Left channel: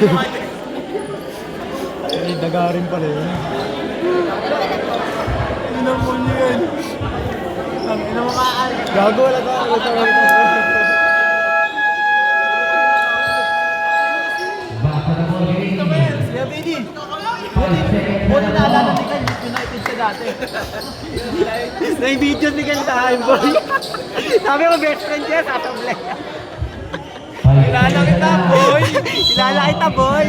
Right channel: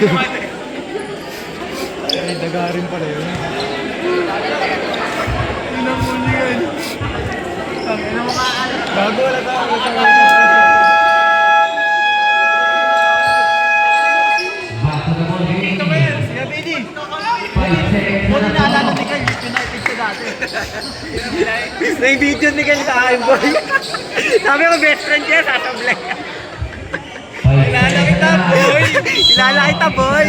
Ay, daga rin pala yun. Gago, wala ka. May video ni Kel sa akin, boy. Sabi ko, best friend niya, sasablay. Kilala kita, boy. Kilala kita, boy.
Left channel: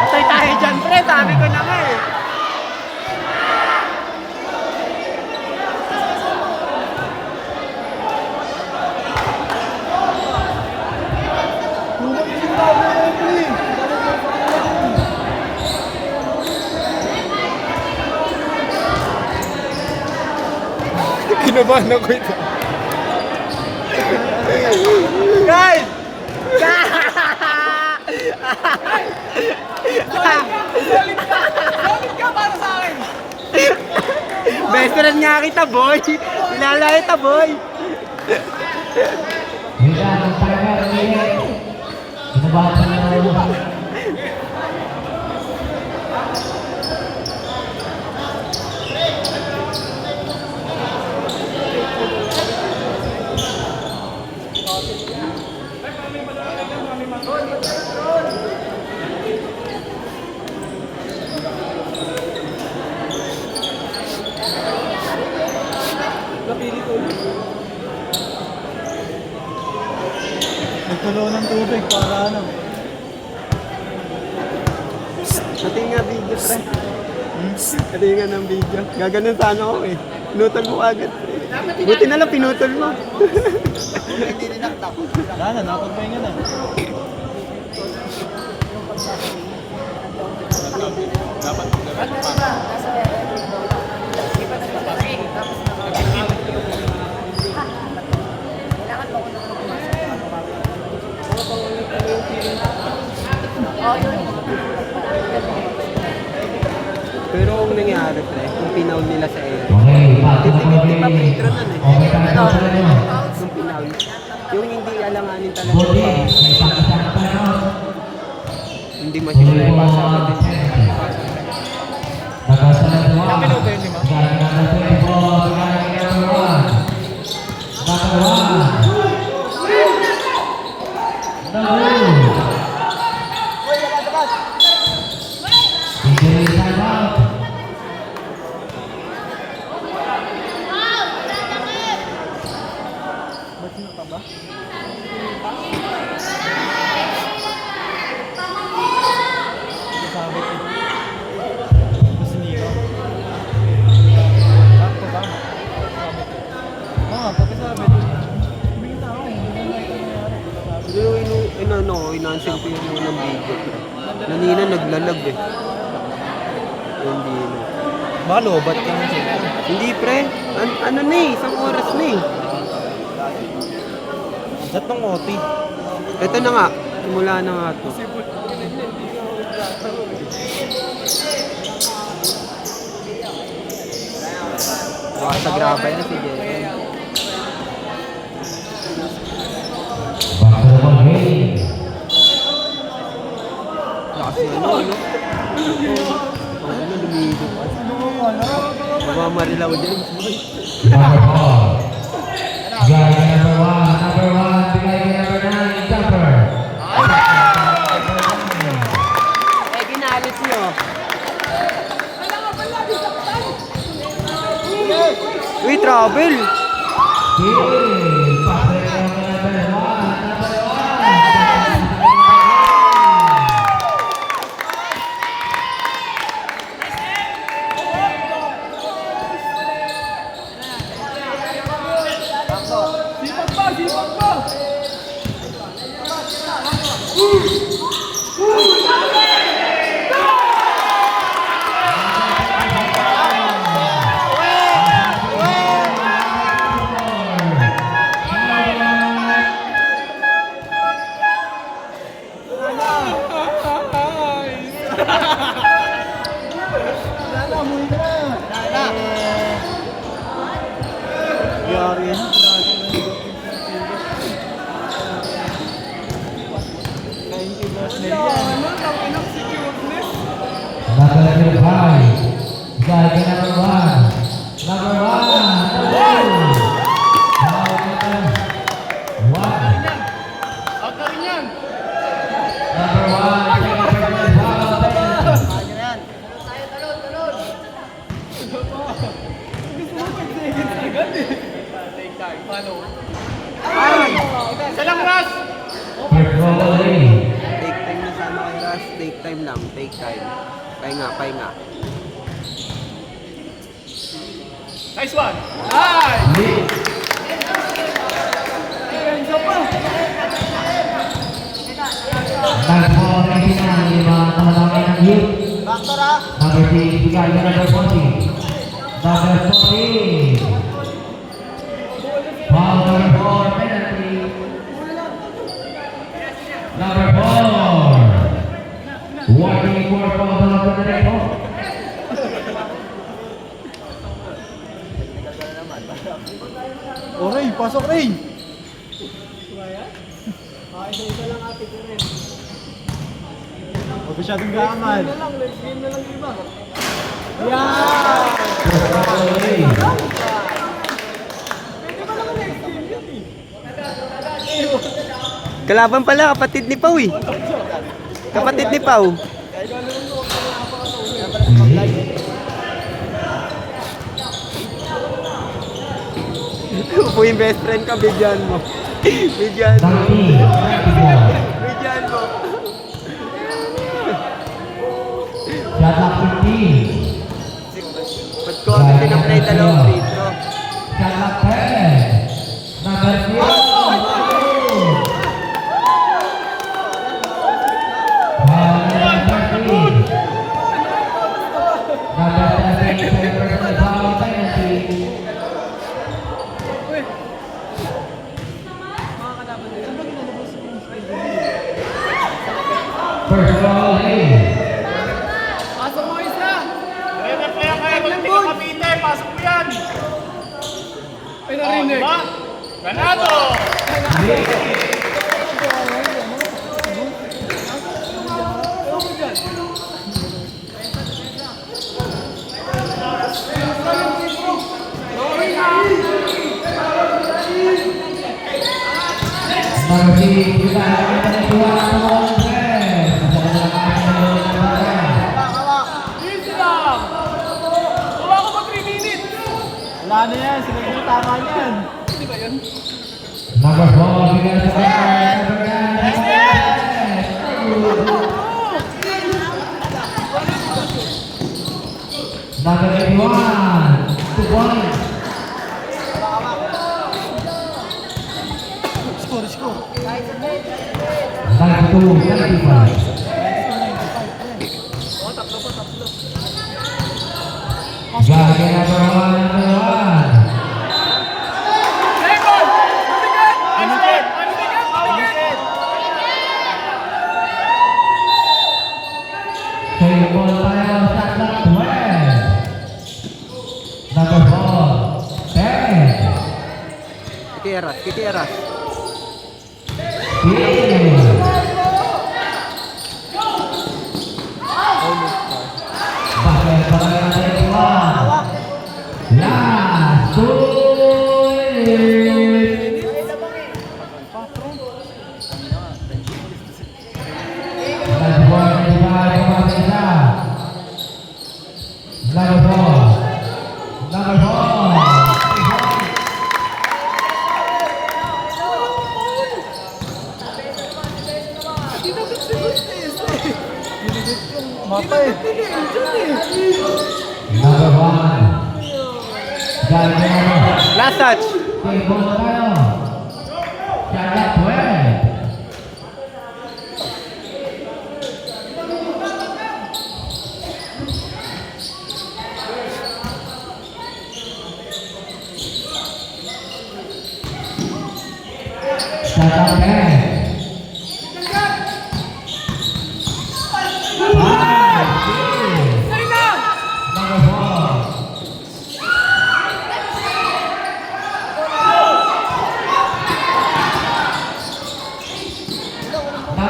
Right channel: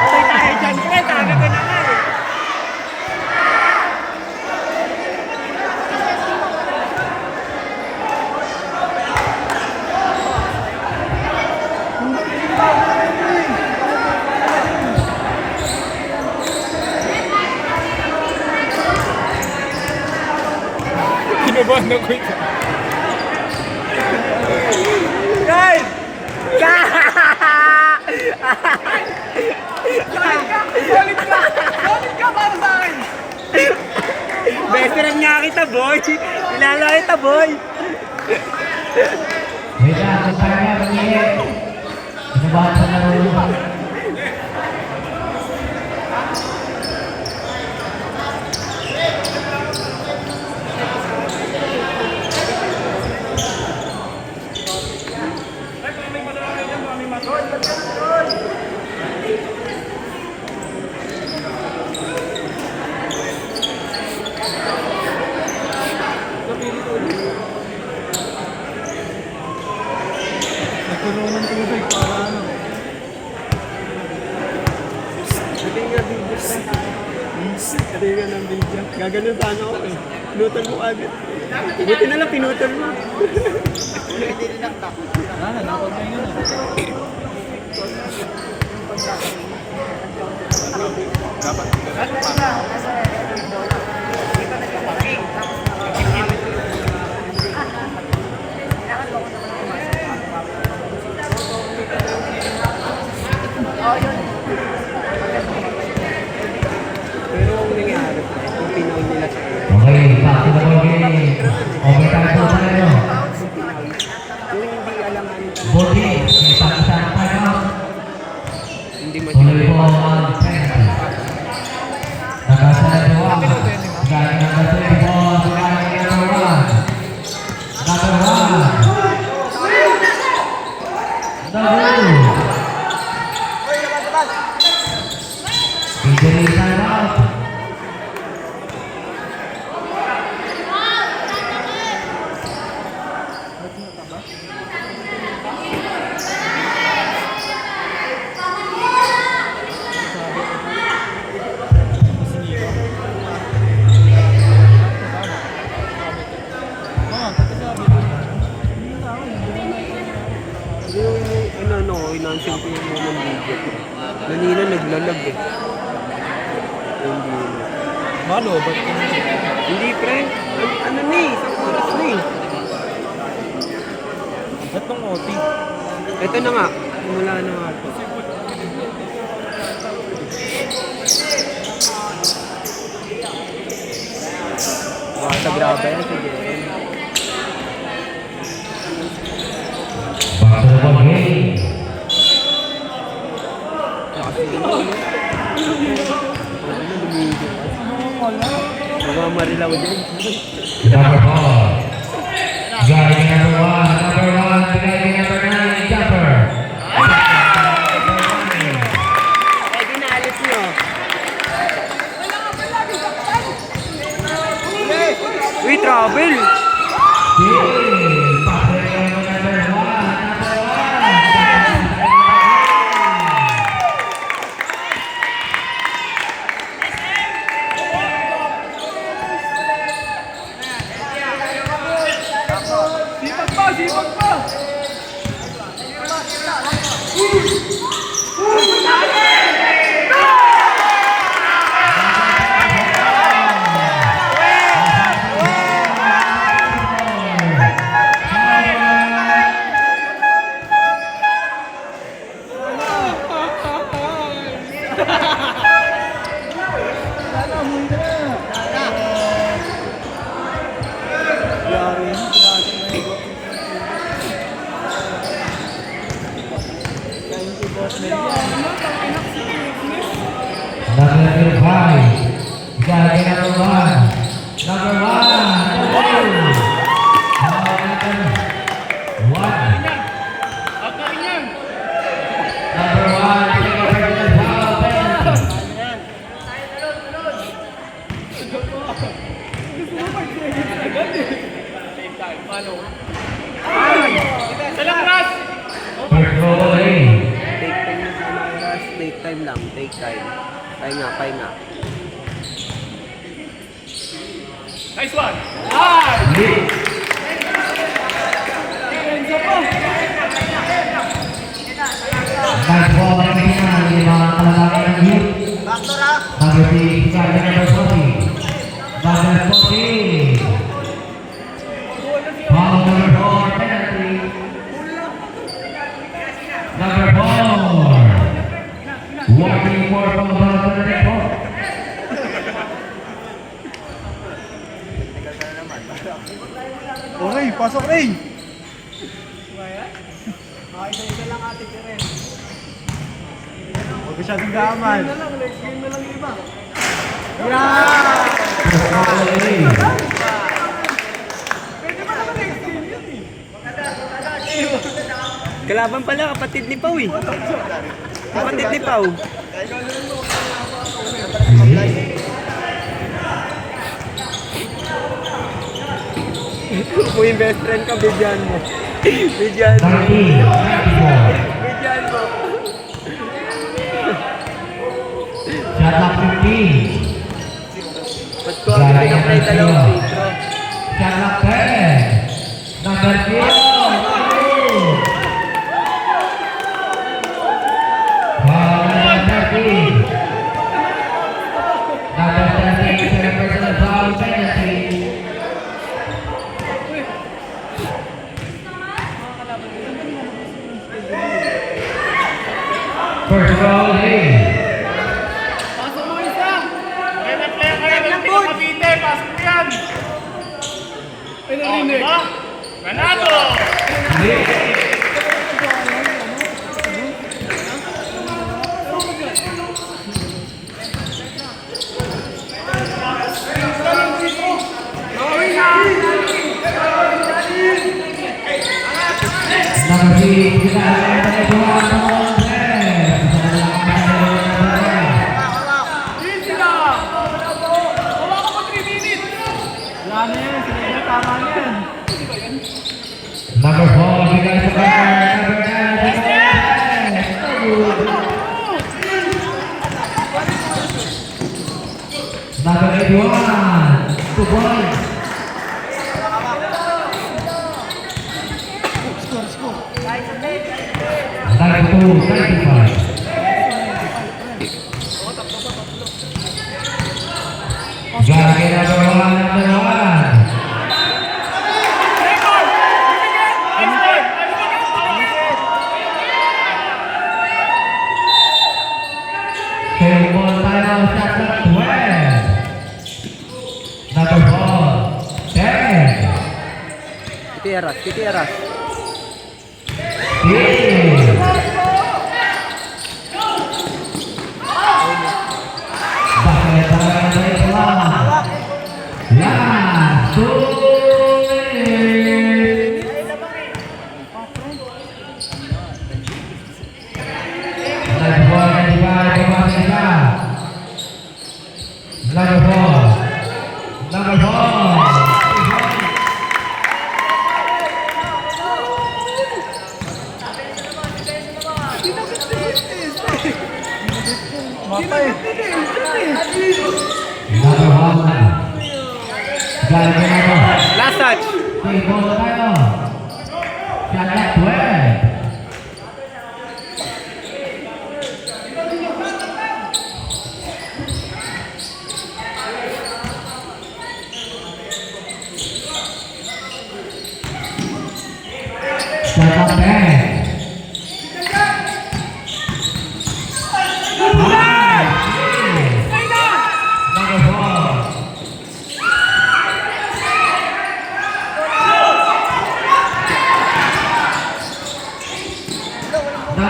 Patay tayo dyan, pre. Sabi ko na nga eh. Kinabahan ako ito. Guys! Galit ka para sa akin. Best friend nga kita, boy. Kilala kita, boy. Nagpuno ng tubig. Paano? Pati nga video, pre. Pati nga ng video. Gaganon sana ako eh. Pinutol mo agad. Buti na lang pinutol mo. Wala na, napagpahinga na. Pero kung nangyari, kung pinaw nila sa iyo. Okay, back to the ball game. Overtime po tayo. Kung pinaw, kung hindi alamanin ka Ball ng game. May isa na timeout. hindi Tuloy masyadong po ang penalty. Nakasalan po ang gaya ng penalty po ang gaya number 1. Injury timeout. Inansin ko yung unang video, pre. Nanina naglalag eh. Hindi na. Baka lobat ka na siya. Hindi, pre. Ano na eh, isang oras na eh. Ba't nung OT? Ito na nga, simula na nga ito. Baka sa graba yan si JM. Back to the ball game. Lakas na no, ano? Ang ano, lumigo pa. Mamamarilaw dyan. Number 4. Guy number 1. Number 1. Guy number 9. Jumper. Eh, dinalis nyo. Uy, travel! Nangyari yan. Number 5. Guy number 1. Number 1. First ball away. Take time na sana kay Rush. Take time lang. Take time. Pahinga, pahinga. Lead. Nice ball kami na ng youth. Number 3, guy number 40. Number 40. Foul number 4, penalty. Number 4. Warning for foul number 4. Oh, Ray, pasok Ray! Huwag masyadong gaaman. First ball away. Kalaban pala, kapatid ni Pau eh. Kapatid ni Pau. Kung yung best friend ka, bigyan mo. Bigyan mo. 94. Bigyan mo. Shot clock 15. Ba't ko ang pinaplay dalawang free throw? Shot clock 10. Number 3. Foul number 13. Number 13, personal foul penalty. First foul, hey. Number 6, kita ada dua Wala na yan, sila yung tama yan. Number 4, bigay sa kanya. Number 81, 2 points. Score. Number 2, 95. Gagi number 1. Save ball tayo, shot clock 12. Number 4, 10. Kiti Aras. 10. Number 4. Last touch.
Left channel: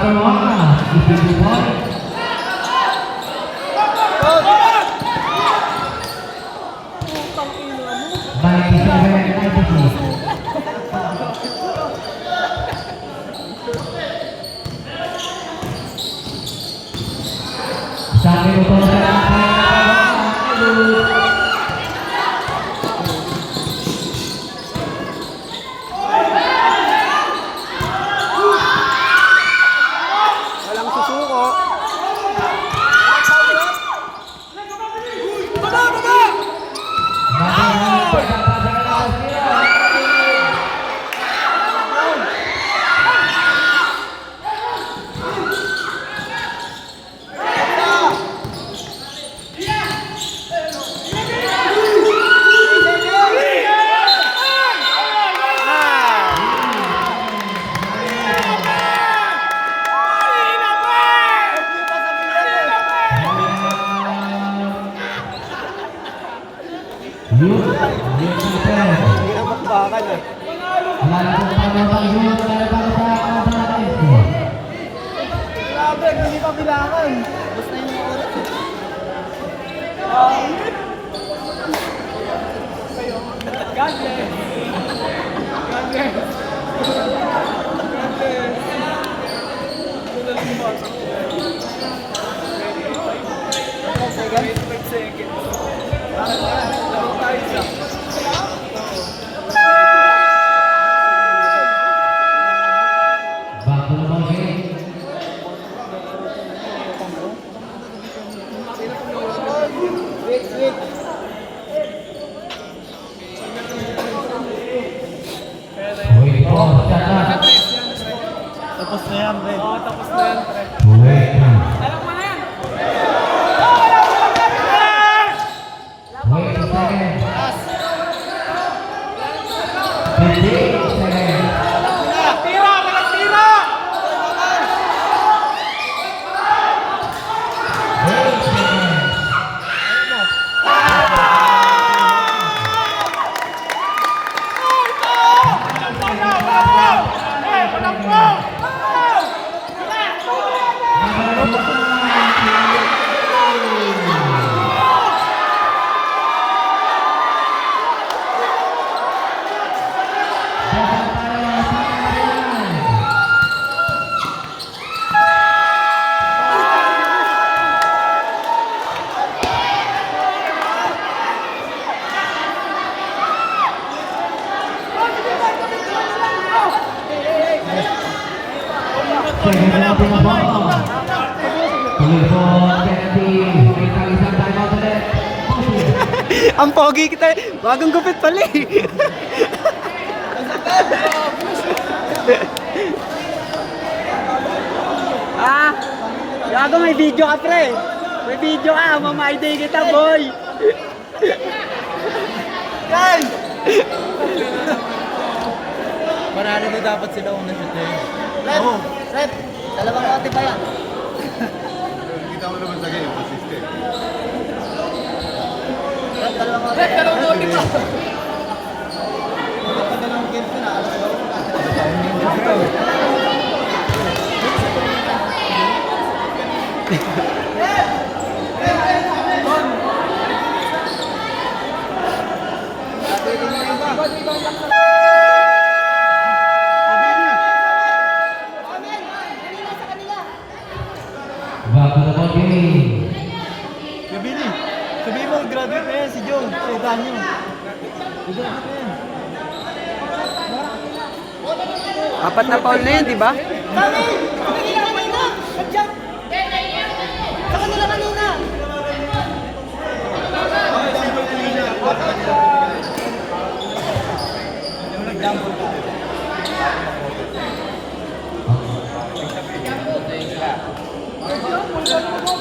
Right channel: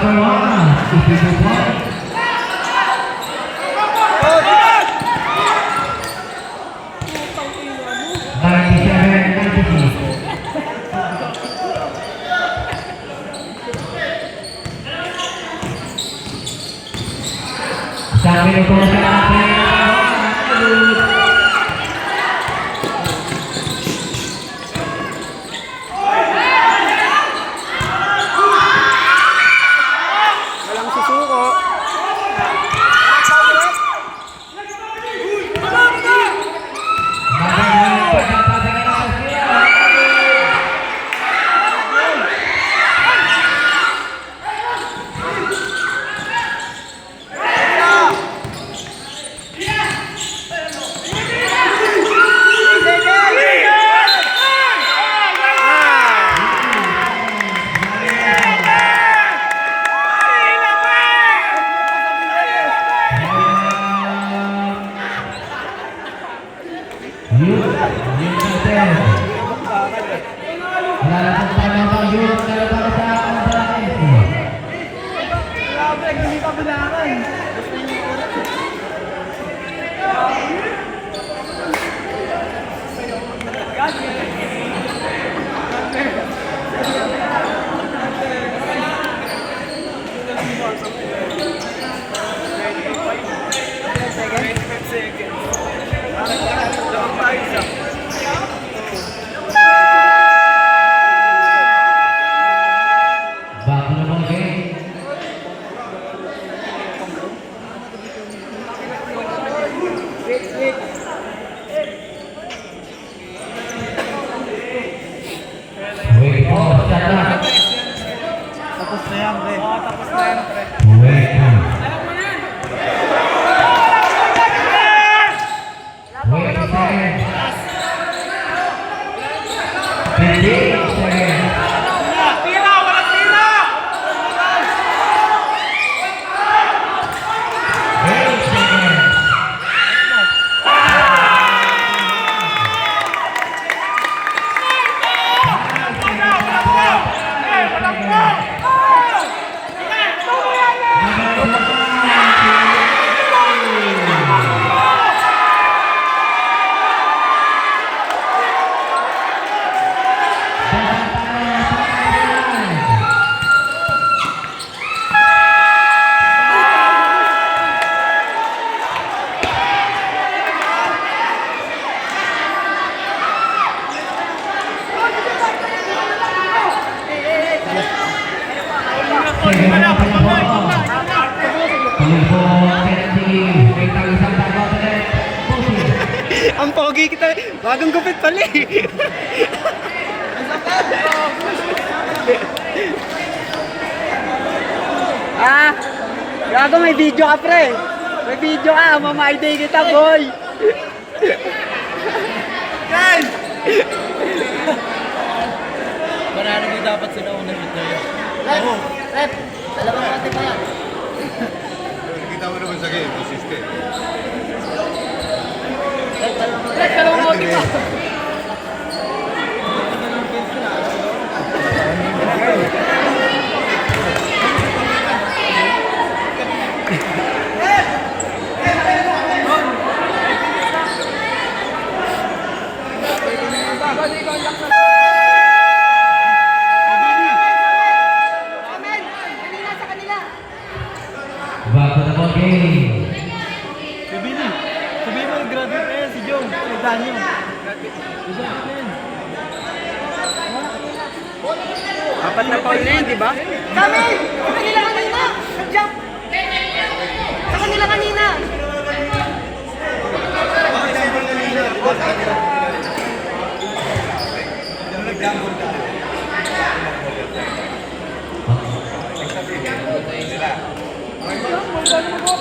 number 1, Ipidu Boy. 97-96. Sambil itu Walang susuko. Bakbakan ah. Hindi pa bilangan. Tapos na yan, pre. Tapos na yan, pre. Ang pogi kita. Bagong gupit pala eh. Gago may video ka pre. May video ka. Mamaiday kita boy. Guys! Marami mo dapat sila kung nandito. Oo. Seth, dalawang lote pa yan. Hindi ka mo naman sa game, consistent. Dalawang lote pa. Bago na po game. Si Billy. Sabihin mo, graduate na yan si John. Si Daniel. Si John, yan. Apat na foul na yun, di ba? Kami! Sa kanila kanina! Nag-jump! Sa kanila kanina!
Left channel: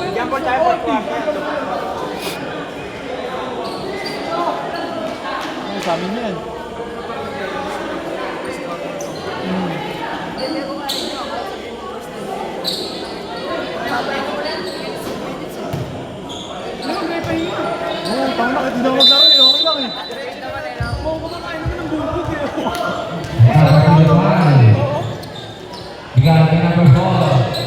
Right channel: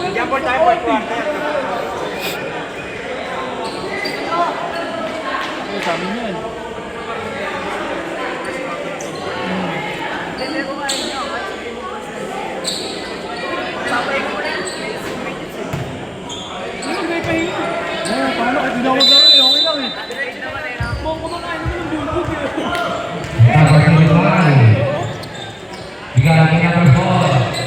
Jump ball tayo, fourth quarter. Ano sa amin yan? Oo, parang nakatindawag lang eh. Okay lang eh. Bigay ka number 4.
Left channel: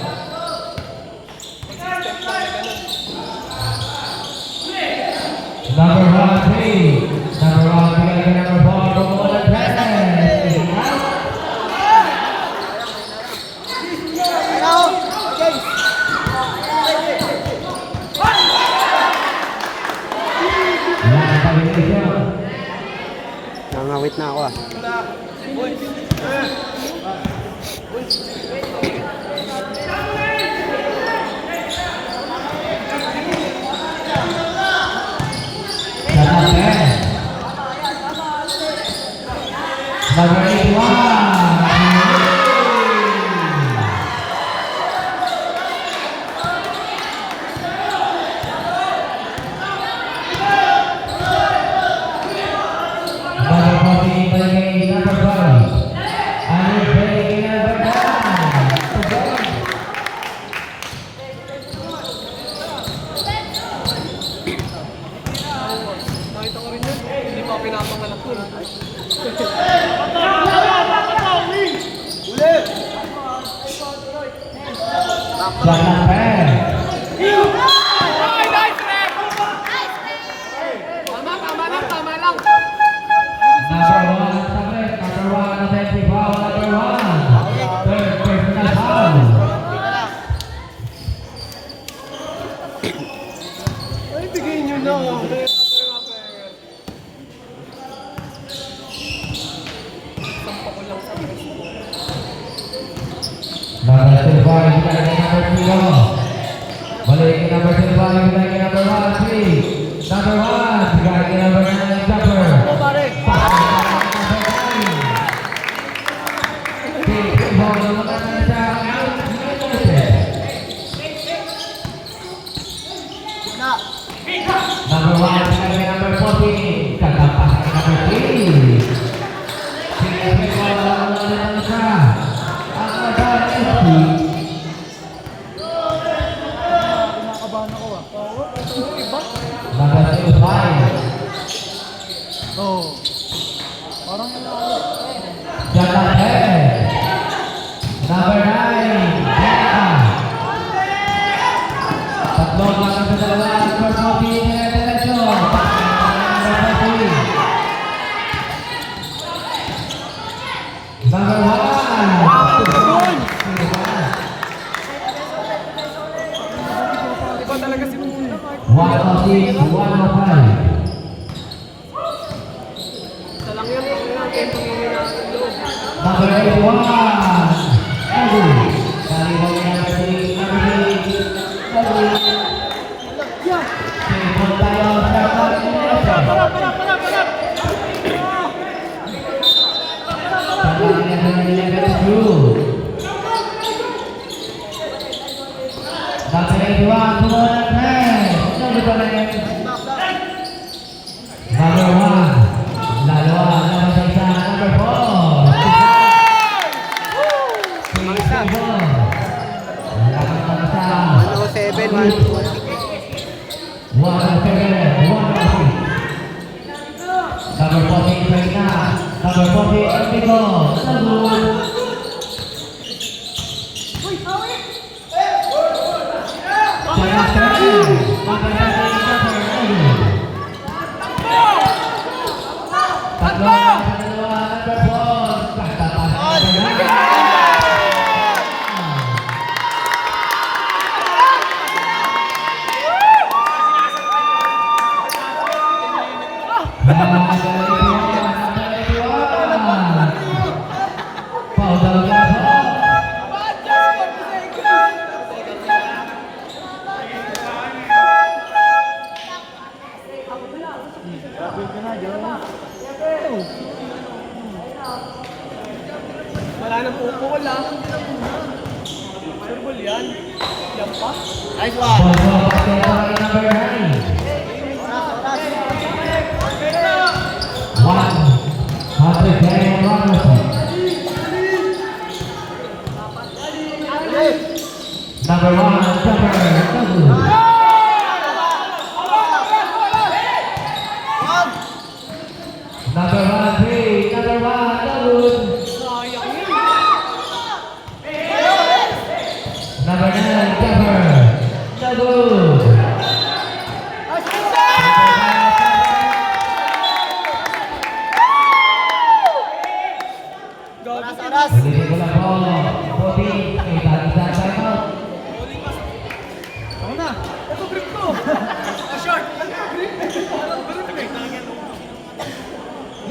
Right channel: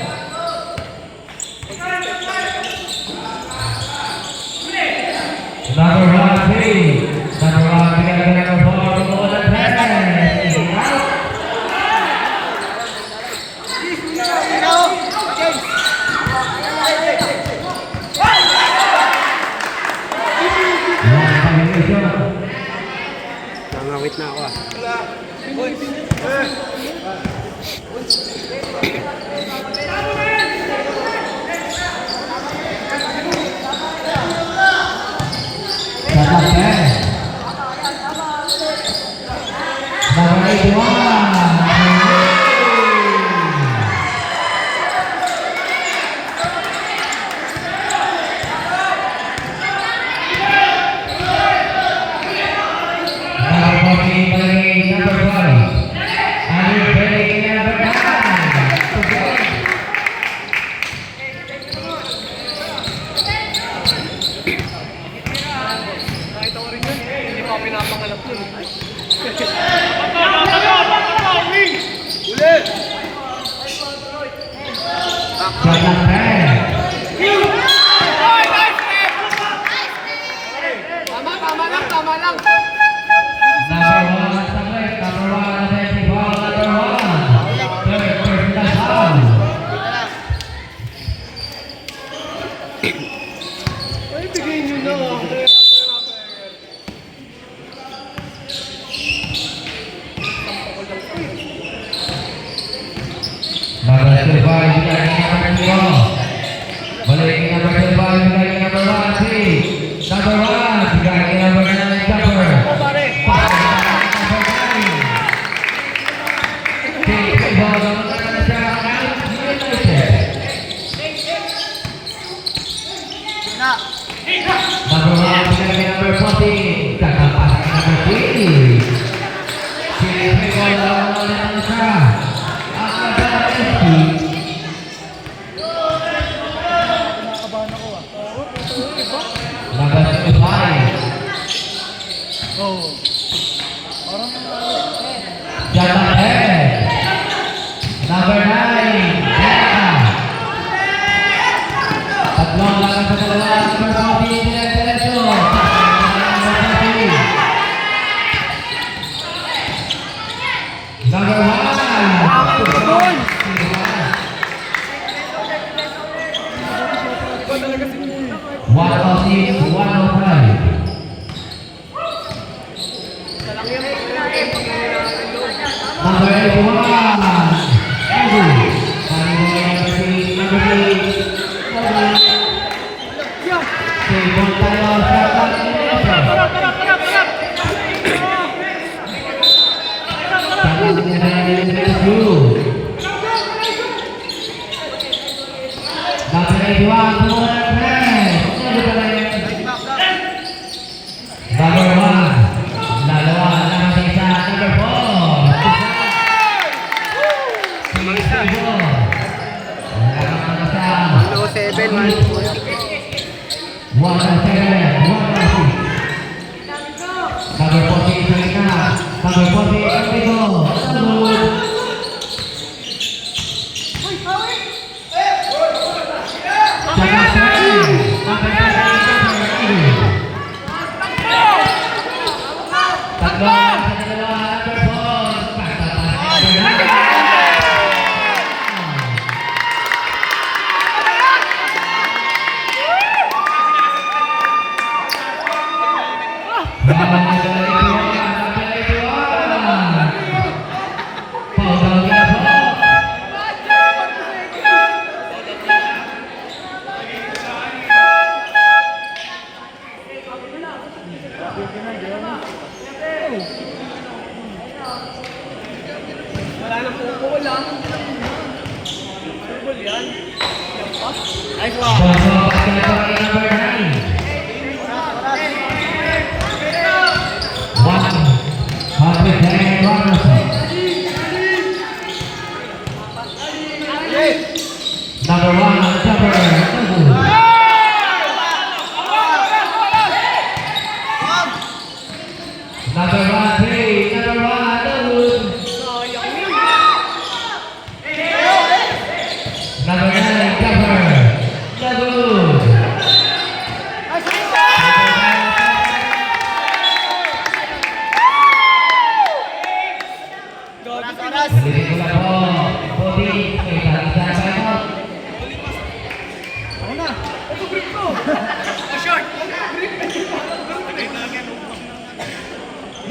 Number 81.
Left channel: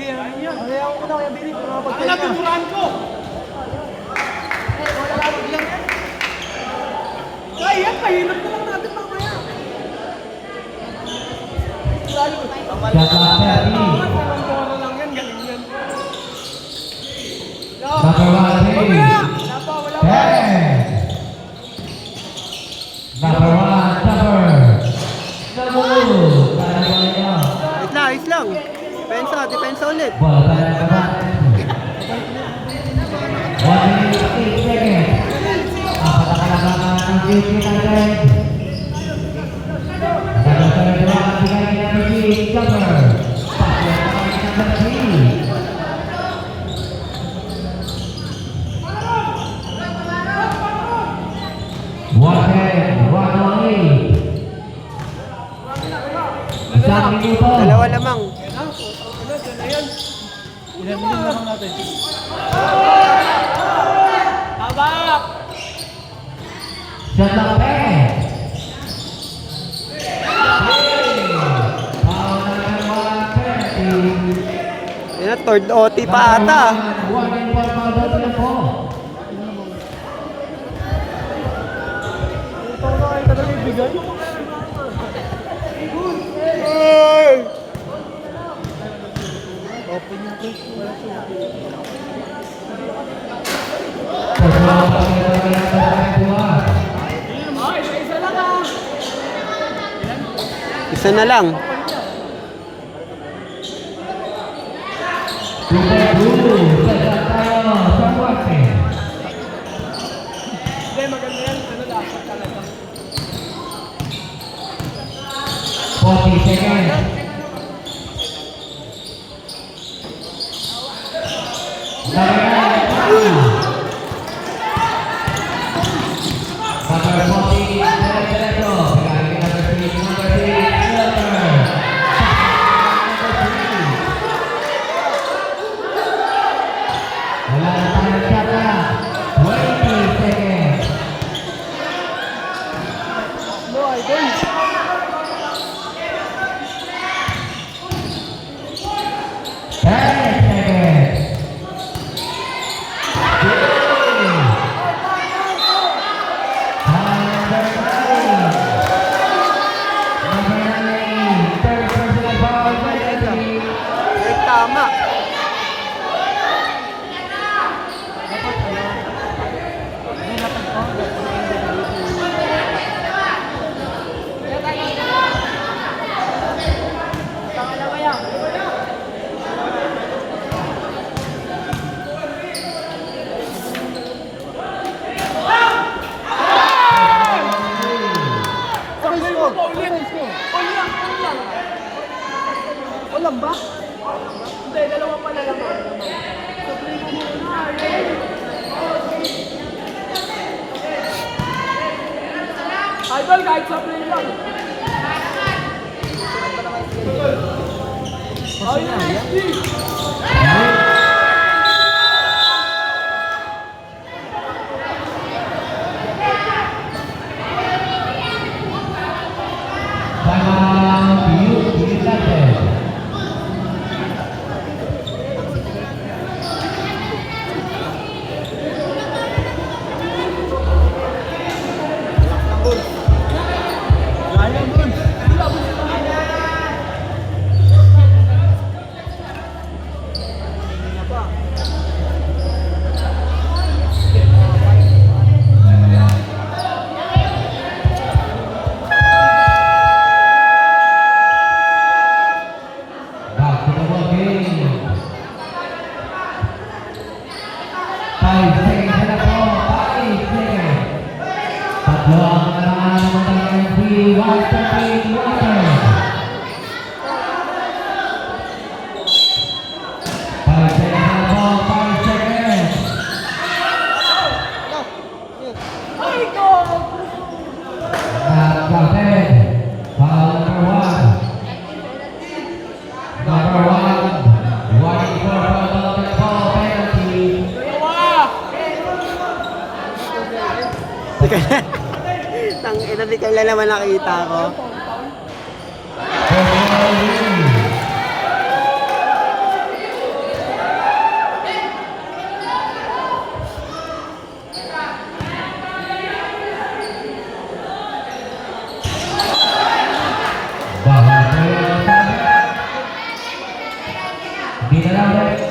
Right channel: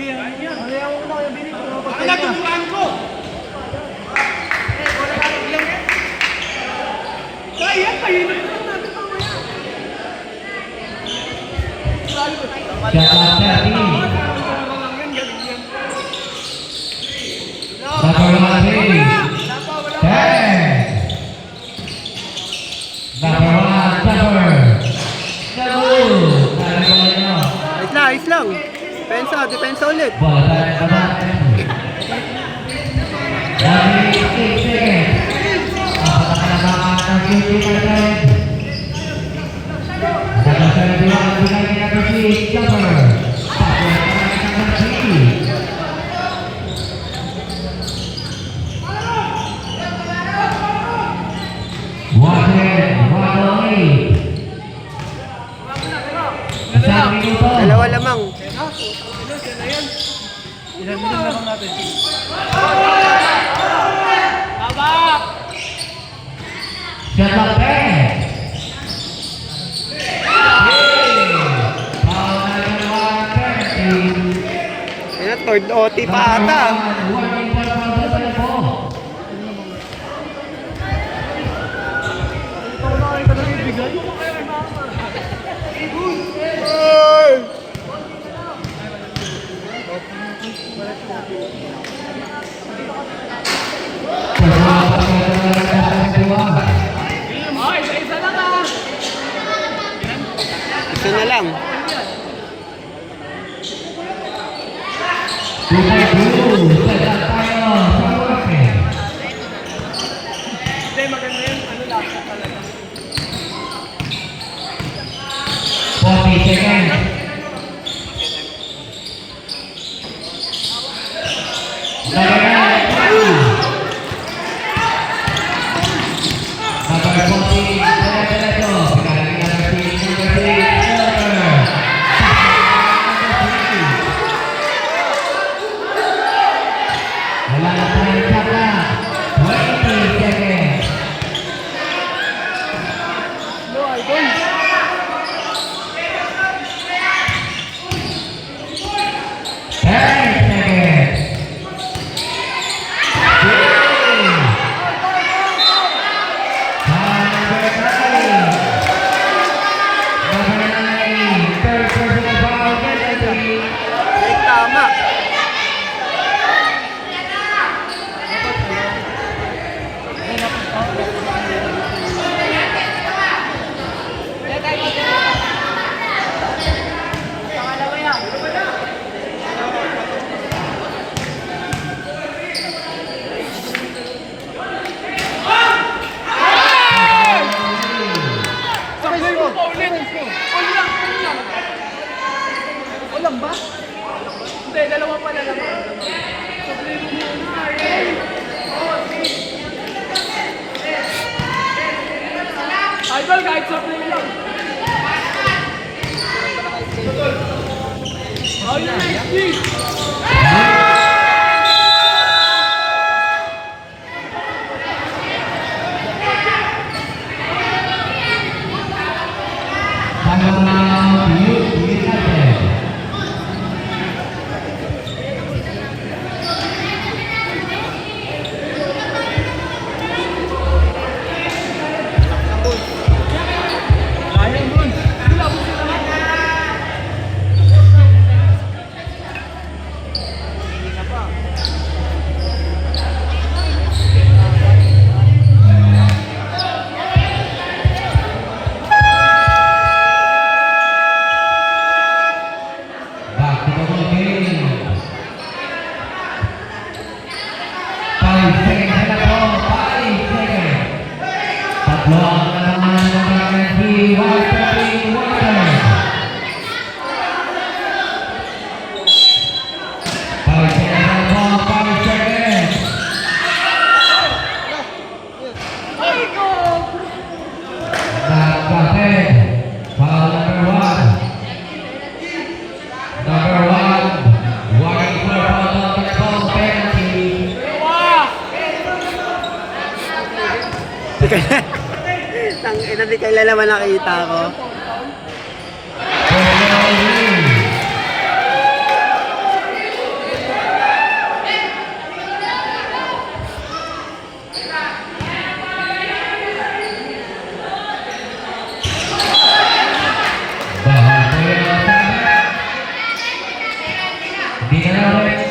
Sige, ayaw ko na kaya Billy. Pagkaya. Ayan, pahilap na lang natin mamaya. Shot clock 30. Pangkoro lang yan, galing yan. Number 1 ready. 10. Number 1 cover. Double. Kaya ko ito. Ayos lang. Depensa ulit. Bola tayo ng baba. 1 minute 8 seconds. Apat ang kalabangan ng QP natin. Number 31, binigay ng number 6, cover. Tapos number 3. Isang minuto. Dalawa lamang. Ilan lang natin. Habak! Shot clock 10. Foul na ginawa ng penalty. Ayan, third OT pa ata. Isa na lang. Hindi, maganda yan. Ano lang, talaga. 40 seconds. Boy, boy. Tama. Sakay mo pa ulit. Alam ba? Hindi, dalawa pa lang. Idol, kahit sa play lang. Tang ina, di kailan naman nakita ko. Di ka lang,